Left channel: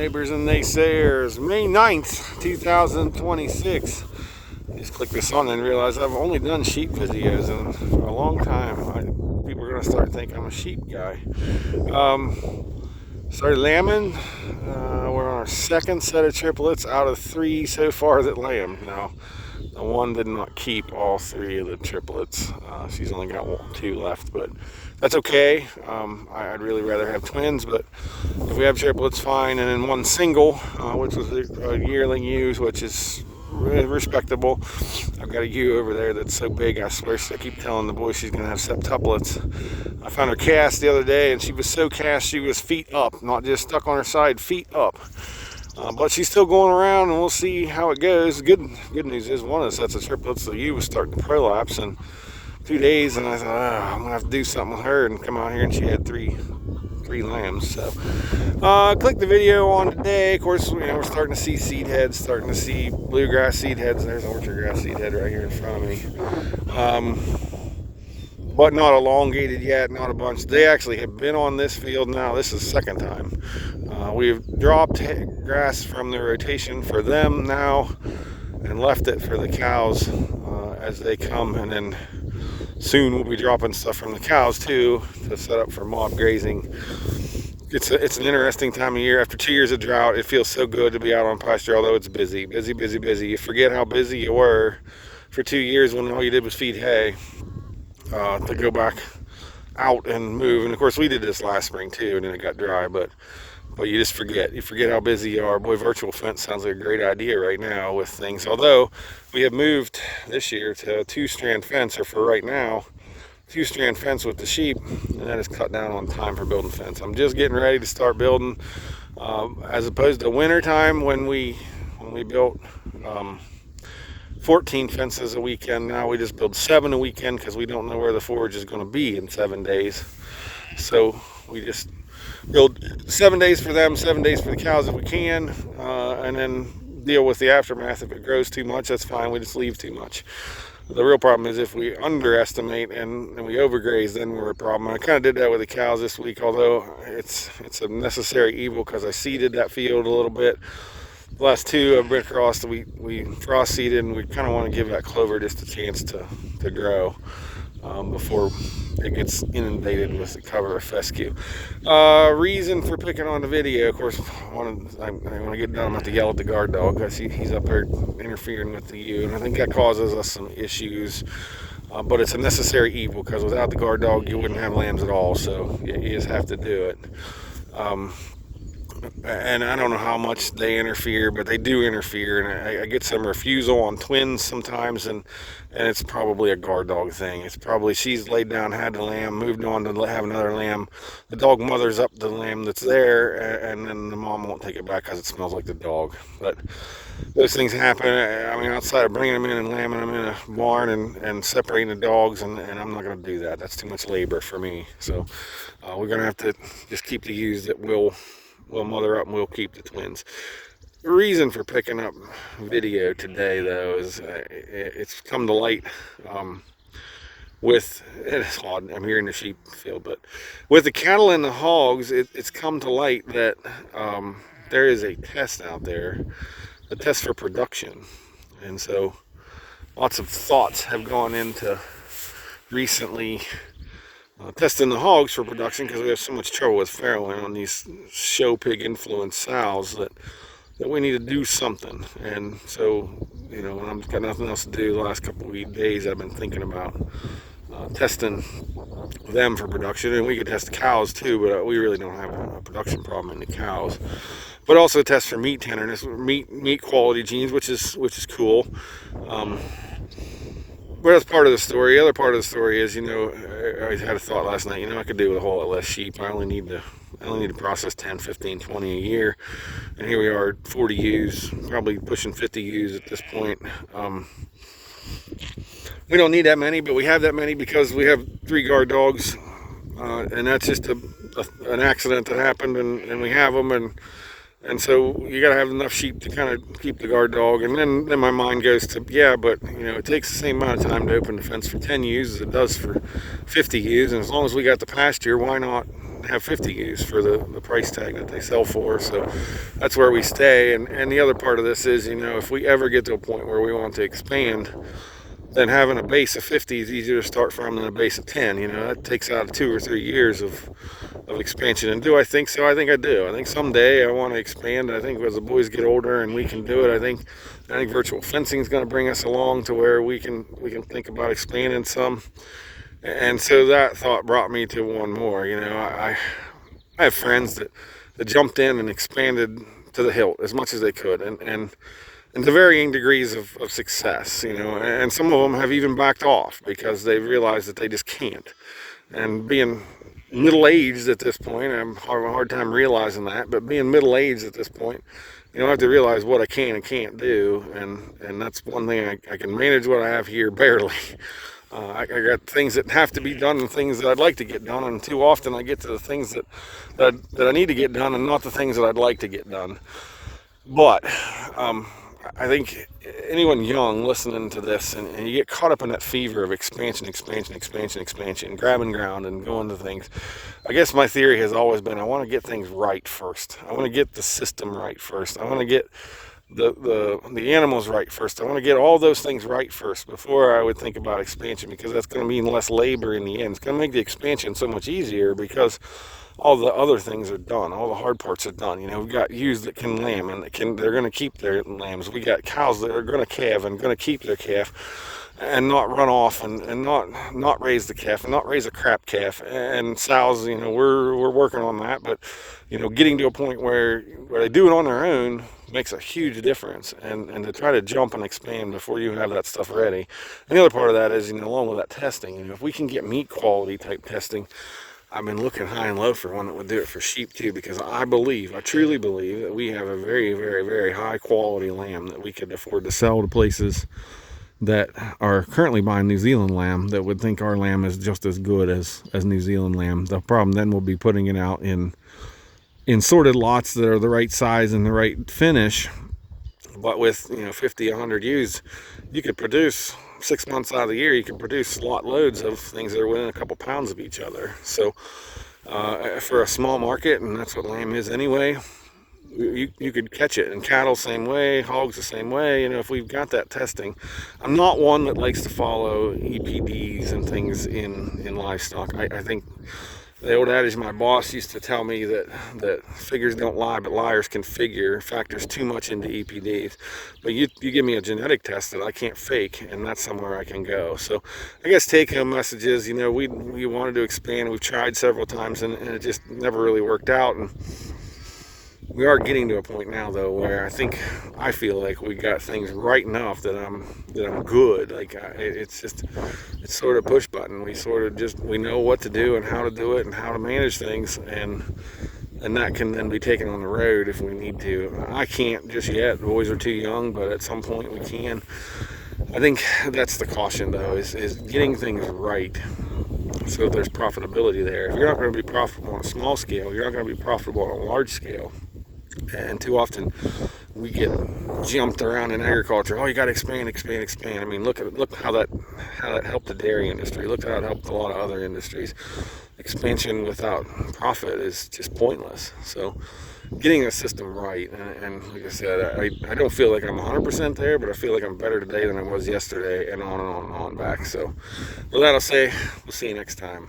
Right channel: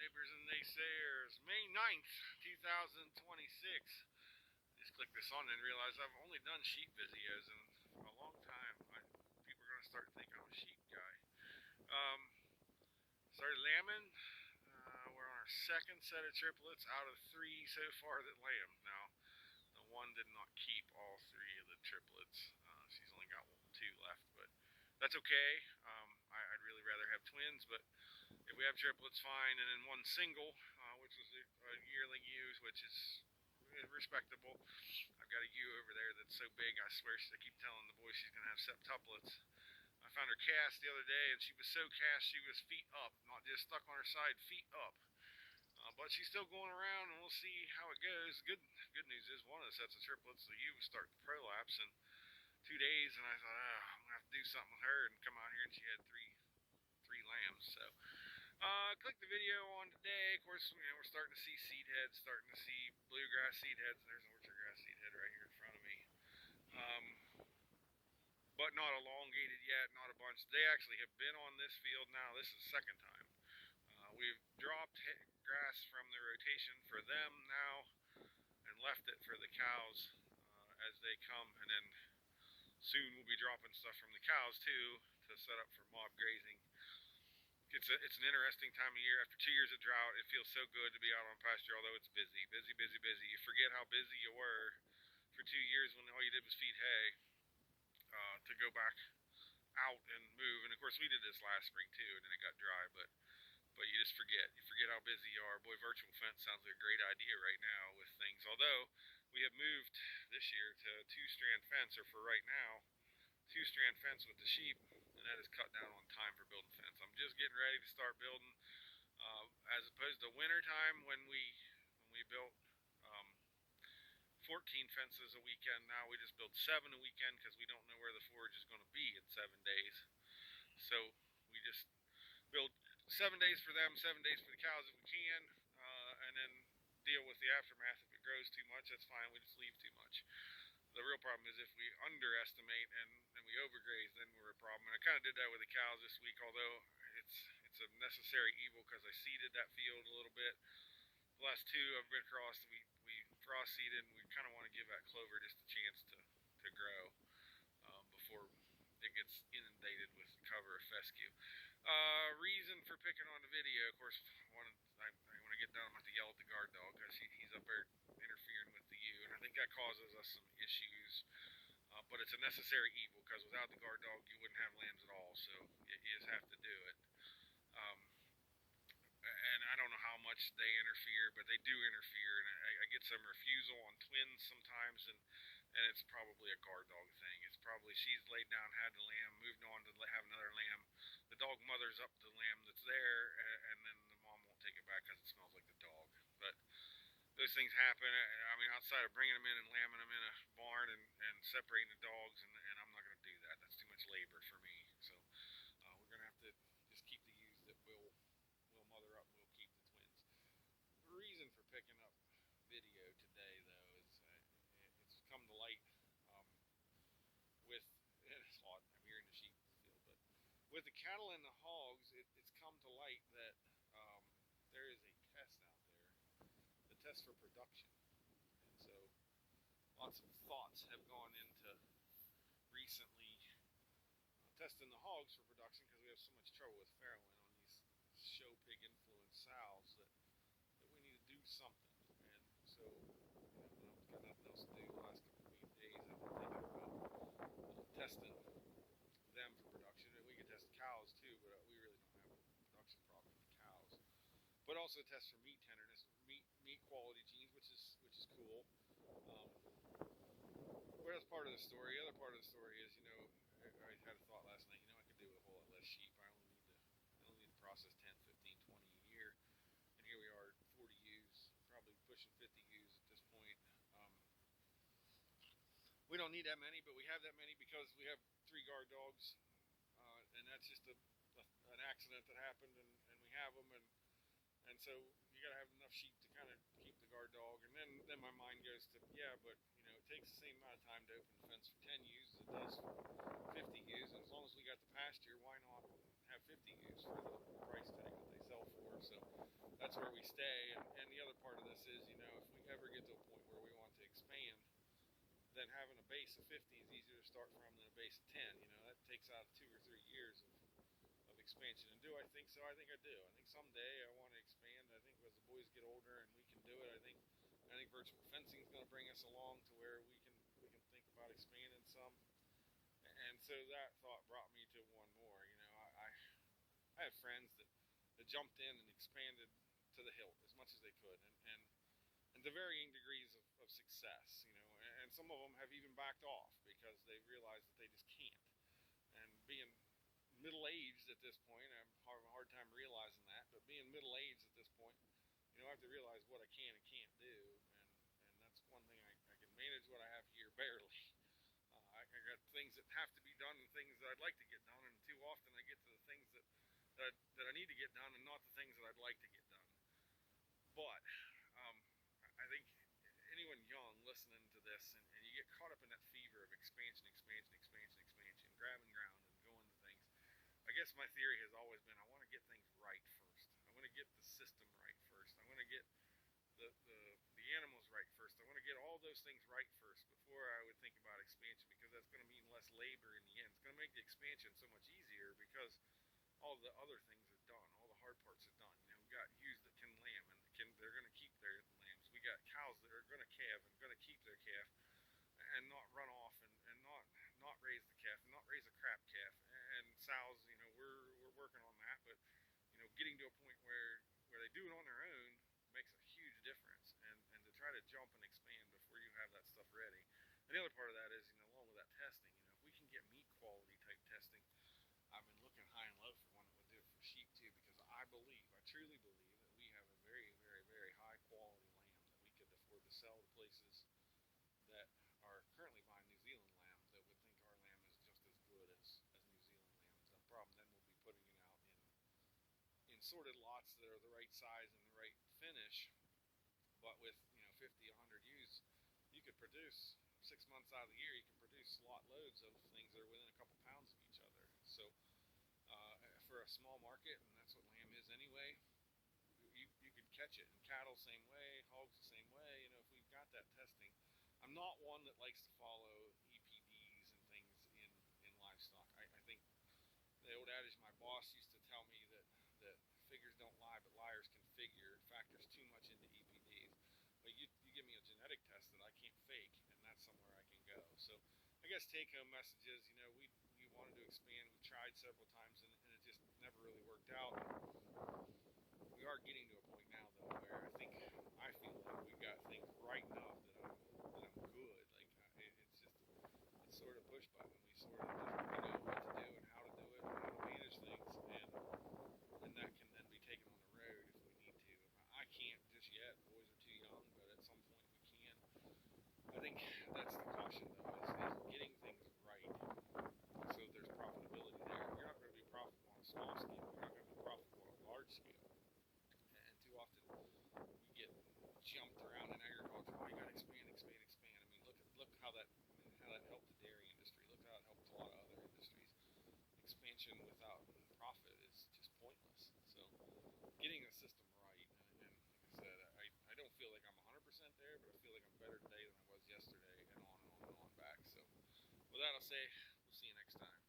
Neighbors and naysayers, May 9th, 2026. Just click this on and realize I've only done sheep videos in a long time. People are going to start thinking I'm a sheep guy. Started lambing. We're on our second set of triplets out of 3 so far that lamb. Now, the one did not keep all 3 of the triplets. She's only got 2 left, but that's okay. I'd really rather have twins, but if we have triplets, fine. And then one single, which was a yearling ewe, which is respectable. I've got a ewe over there that's so big, I swear, I keep telling the boy she's going to have septuplets. I found her cast the other day, and she was so cast she was feet up, not just stuck on her side, feet up. But she's still going around, and we'll see how it goes. Good news is one of the sets of triplets, the ewe was starting to prolapse in 2 days, and I thought, I'm going to have to do something with her, and come out here, and she had three lambs. So click the video on today. Of course, we're starting to see seed heads, starting to see bluegrass seed heads. There's an orchard grass seed head right here in front of me, but not elongated yet, not a bunch. They actually have been on this field now. This is the second time. We've dropped grass from the rotation for them now and left it for the cows as they come, and then soon we'll be dropping stuff from the cows too to set up for mob grazing. It's an interesting time of year. After 2 years of drought, it feels so good to be out on pasture, although it's busy. You forget how busy you were for 2 years when all you did was feed hay, to go back out and move. And of course we did this last spring too, and then it got dry, but you just forget. You forget how busy you are. Boy, virtual fence sounds like a great idea right now with things. Although we have moved this year to a 2-strand fence, or for right now, 2-strand fence with the sheep, and that has cut down on time for building fence. I'm just getting ready to start building, as opposed to winter time when we built 14 fences a weekend. Now we just build 7 a weekend because we don't know where the forage is going to be in 7 days. So we just build 7 days for them, 7 days for the cows if we can, and then deal with the aftermath. If it grows too much, that's fine. We just leave too much. The real problem is if we underestimate and we overgraze, then we're a problem. And I kind of did that with the cows this week, although it's a necessary evil because I seeded that field a little bit. The last 2 I've been across, we frost seeded, and we kind of want to give that clover just a chance to grow before it gets inundated with the cover of fescue. Reason for picking on the video, of course, when I get done, I'm going to yell at the guard dog because he's up there interfering with the ewe, and I think that causes us some issues. But it's a necessary evil because without the guard dog, you wouldn't have lambs at all. So you just have to do it. And I don't know how much they interfere, but they do interfere, and I get some refusal on twins sometimes, and it's probably a guard dog thing. It's probably she's laid down, had the lamb, moved on to have another lamb. The dog mothers up the lamb that's there, and then the mom won't take it back because it smells like the dog. But those things happen. I mean, outside of bringing them in and lambing them in a barn and separating the dogs, and I'm not going to do that. That's too much labor for me. So we're going to have to just keep the ewes that will mother up, and we'll keep the twins. The reason for picking up video today, though, is it's come to light it's odd, I'm here in the sheep field, but with the cattle and the hogs, it's come to light that there is a test out there, a test for production. And so lots of thoughts have gone into recently testing the hogs for production because we have so much trouble with farrowing on these show pig influenced sows that we need to do something. And so, when I've got nothing else to do the last couple of days, I've been thinking about testing them for production. And we could test the cows too, but we really don't have a production problem in the cows. But also test for meat tenderness, meat quality genes, which is cool. But that's part of the story. The other part of the story is, I had a thought last night, I could do with a whole lot less sheep. I only need to process 10, 15, 20 a year. And here we are, 40 ewes, probably pushing 50 ewes at this point. We don't need that many, but we have that many because we have 3 guard dogs. And that's just an accident that happened, and we have them. And so you got to have enough sheep to kind of keep the guard dog. And then my mind goes to, but it takes the same amount of time to open the fence for 10 ewes as it does for 50 ewes. And as long as we got the pasture, why not have 50 ewes for the price tag that they sell for. So that's where we stay. And the other part of this is, if we ever get to a point where we want to expand, then having a base of 50 is easier to start from than a base of 10. That takes out 2 or 3 years of expansion. And do I think so? I think I do. I think someday I want to expand. I think as the boys get older and we can do it, I think virtual fencing is going to bring us along to where we can think about expanding some. And so that thought brought me to one more. I have friends that jumped in and expanded to the hilt as much as they could, and to varying degrees of success, and some of them have even backed off because they realized that they just can't. And being middle-aged at this point, I'm having a hard time realizing that, but being middle-aged at this point, I have to realize what I can and can't do, and that's one thing. I can manage what I have here barely. I got things that have to be done and things that I'd like to get done, and too often I get to the things that I need to get done and not the things that I'd like to get done. But I think anyone young listening to this, and you get caught up in that fever of expansion, grabbing ground and going to things. I guess my theory has always been I want to get things right first. I want to get the system right first. I want to get the animals right first. I want to get all those things right first before I would think about expansion, because that's going to mean less labor in the end. It's going to make the expansion so much easier because all the other things are done. All the hard parts are done. We've got ewes that can lamb and they're going to keep their lambs. We got cows that are going to calve and going to keep their calf and not run off and not raise the calf and not raise a crap calf. And sows, we're working on that, but getting to a point where they do it on their own makes a huge difference, and to try to jump and expand before you have that stuff ready. And the other part of that is, along with that testing, if we can get meat quality type testing, I've been looking high and low for one that would do it for sheep too, because I truly believe that we have a very, very, very high quality lamb that we could afford to sell to places that are currently buying New Zealand lamb that would think our lamb is just as good as New Zealand lamb. The problem then will be putting it out in sorted lots that are the right size and the right finish. But with 50, 100 ewes, you could produce 6 months out of the year, you can produce lot loads of things that are within a couple pounds of each other. So for a small market, and that's what lamb is anyway, you could catch it. And cattle same way, hogs the same way. If we've got that testing. I'm not one that likes to follow EPDs and things in livestock. I think the old adage my boss used to tell me that figures don't lie, but liars can figure, factors too much into EPDs. But you give me a genetic test that I can't fake, and that's somewhere I can go. So I guess take-home messages, we wanted to expand. We've tried several times, and it just never really worked out. And we are getting to a point now, though, where I feel like we got things right enough that I'm good. Like it's sort of push button. We know what to do and how to do it and how to manage things, and that can then be taken on the road if we need to. I can't just yet. The boys are too young, but at some point we can. I think that's the caution, though, is getting things right so there's profitability there. If you're not going to be profitable on a small scale, you're not going to be profitable on a large scale. And too often we get jumped around in agriculture. Oh, you got to expand. I mean, look how that helped the dairy industry. Look how it helped a lot of other industries. Expansion without profit is just pointless. So getting a system right, and like I said, I don't feel like I'm 100% there, but I feel like I'm better today than I was yesterday, and on back. So with that, I'll say we'll see you next time.